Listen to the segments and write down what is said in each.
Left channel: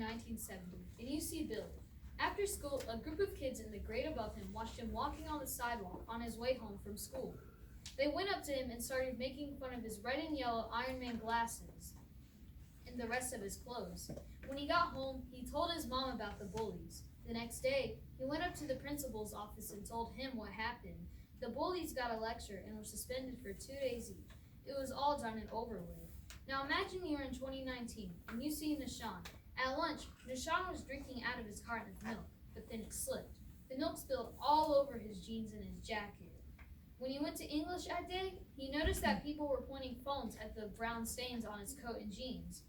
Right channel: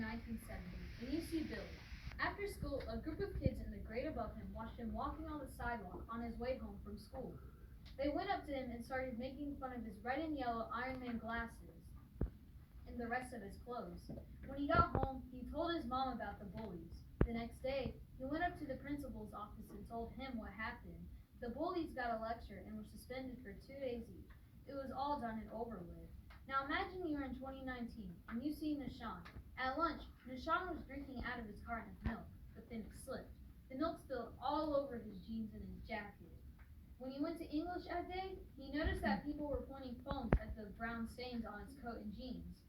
1970 in UC Billy. After school, a group of kids in the grade above him watched him walking on the sidewalk on his way home from school. They went up to him and started making fun of his red and yellow Iron Man glasses and the rest of his clothes. When he got home, he told his mom about the bullies. The next day, he went up to the principal's office and told him what happened. The bullies got a lecture and were suspended for 2 days each. It was all done and over with. Now imagine you're in 2019 and you see Nishan. At lunch, Nishan was drinking out of his carton of milk, but then it slipped. The milk spilled all over his jeans and his jacket. When he went to English that day, he noticed that people were pointing phones at the brown stains on his coat and jeans.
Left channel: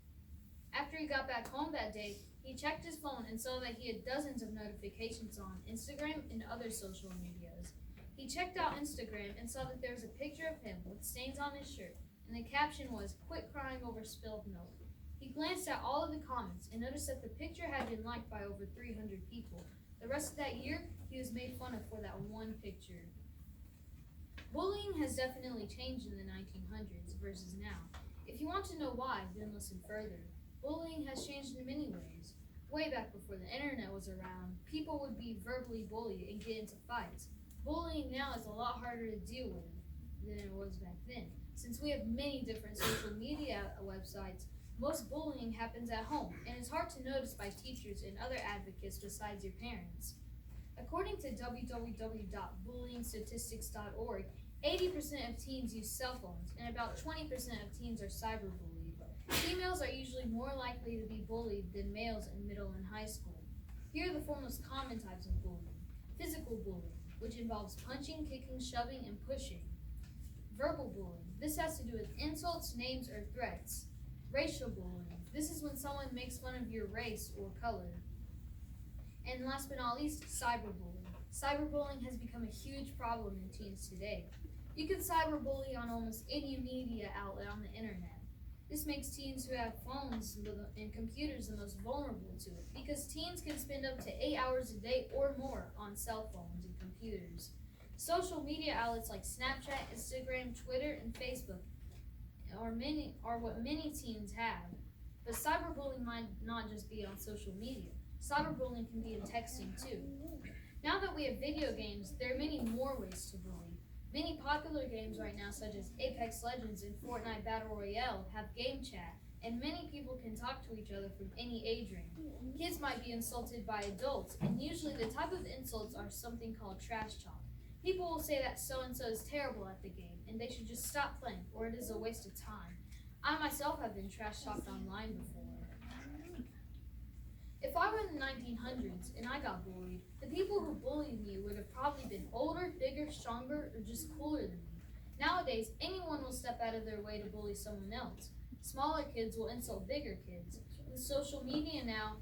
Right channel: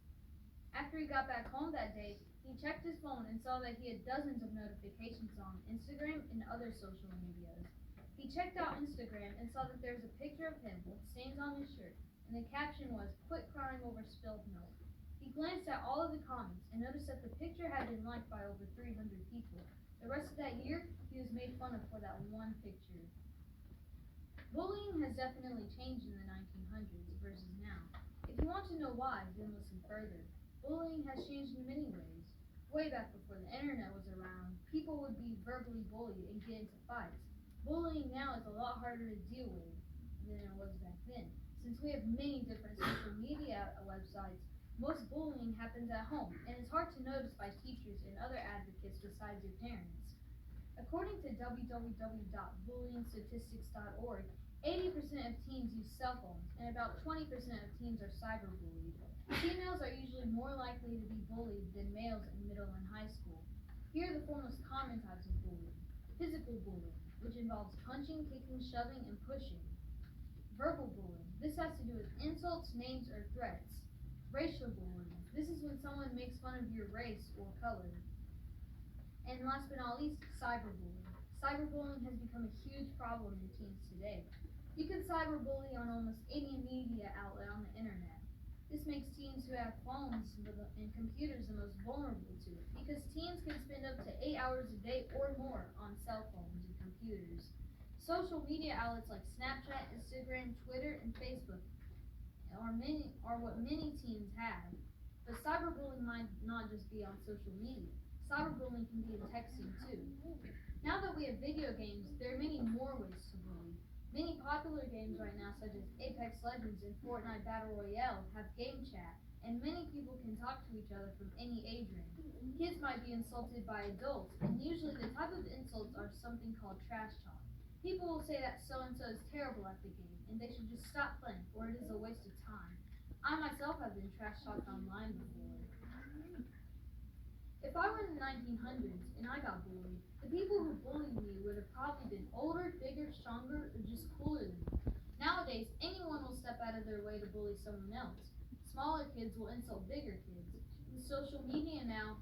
After he got back home that day, he checked his phone and saw that he had dozens of notifications on Instagram and other social medias. He checked out Instagram and saw that there was a picture of him with stains on his shirt, and the caption was, "Quit crying over spilled milk." He glanced at all of the comments and noticed that the picture had been liked by over 300 people. The rest of that year, he was made fun of for that one picture. Bullying has definitely changed in the 1900s versus now. If you want to know why, then listen further. Bullying has changed in many ways. Way back before the internet was around, people would be verbally bullied and get into fights. Bullying now is a lot harder to deal with than it was back then. Since we have many different social media websites, most bullying happens at home, and it's hard to notice by teachers and other advocates besides your parents. According to www.bullyingstatistics.org, 80% of teens use cell phones, and about 20% of teens are cyberbullied. Females are usually more likely to be bullied than males in middle and high school. Here are the four most common types of bullying. Physical bullying, which involves punching, kicking, shoving, and pushing. Verbal bullying. This has to do with insults, names, or threats. Racial bullying. This is when someone makes fun of your race or color. And last but not least, cyberbullying. Cyberbullying has become a huge problem in teens today. You can cyberbully on almost any media outlet on the internet. This makes teens who have phones and computers the most vulnerable to it, because teens can spend up to 8 hours a day or more on cell phones and computers. Social media outlets like Snapchat, Instagram, Twitter, and Facebook are what many teens have. But cyberbullying might not just be on social media. Cyberbullying can be in texting too. Now that we have video games, there are many more ways to bully. Many popular games right now, such as Apex Legends and Fortnite Battle Royale, have game chat, and many people can talk to each other from any age range. Kids might be insulted by adults, and usually the type of insults are something called trash talk. People will say that so-and-so is terrible at the game, and they should just stop playing, or it is a waste of time. I myself have been trash talked online before. If I were in the 1900s and I got bullied, the people who bullied me would have probably been older, bigger, stronger, or just cooler than me. Nowadays, anyone will step out of their way to bully someone else. Smaller kids will insult bigger kids. With social media now,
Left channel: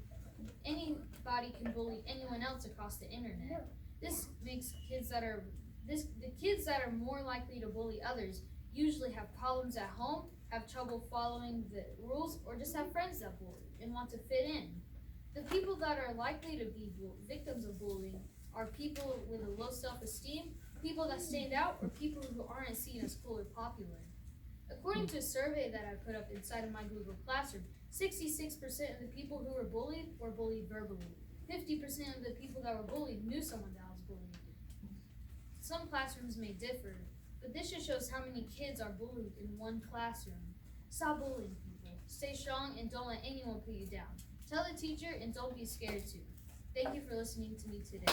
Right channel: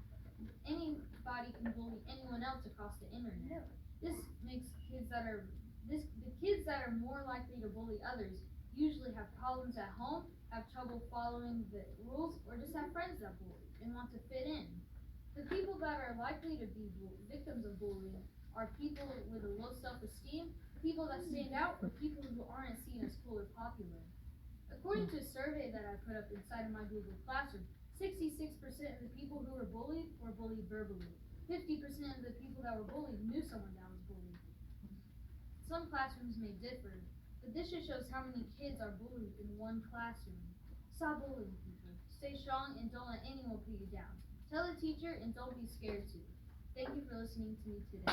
anybody can bully anyone else across the internet. This makes the kids that are more likely to bully others usually have problems at home, have trouble following the rules, or just have friends that bully and want to fit in. The people that are likely to be victims of bullying are people with a low self-esteem, people that stand out, or people who aren't seen as cool or popular. According to a survey that I put up inside of my Google Classroom, 66% of the people who were bullied verbally. 50% of the people that were bullied knew someone that was bullied. Some classrooms may differ, but this just shows how many kids are bullied in one classroom. Stop bullying people. Stay strong and don't let anyone put you down. Tell the teacher and don't be scared to. Thank you for listening to me today.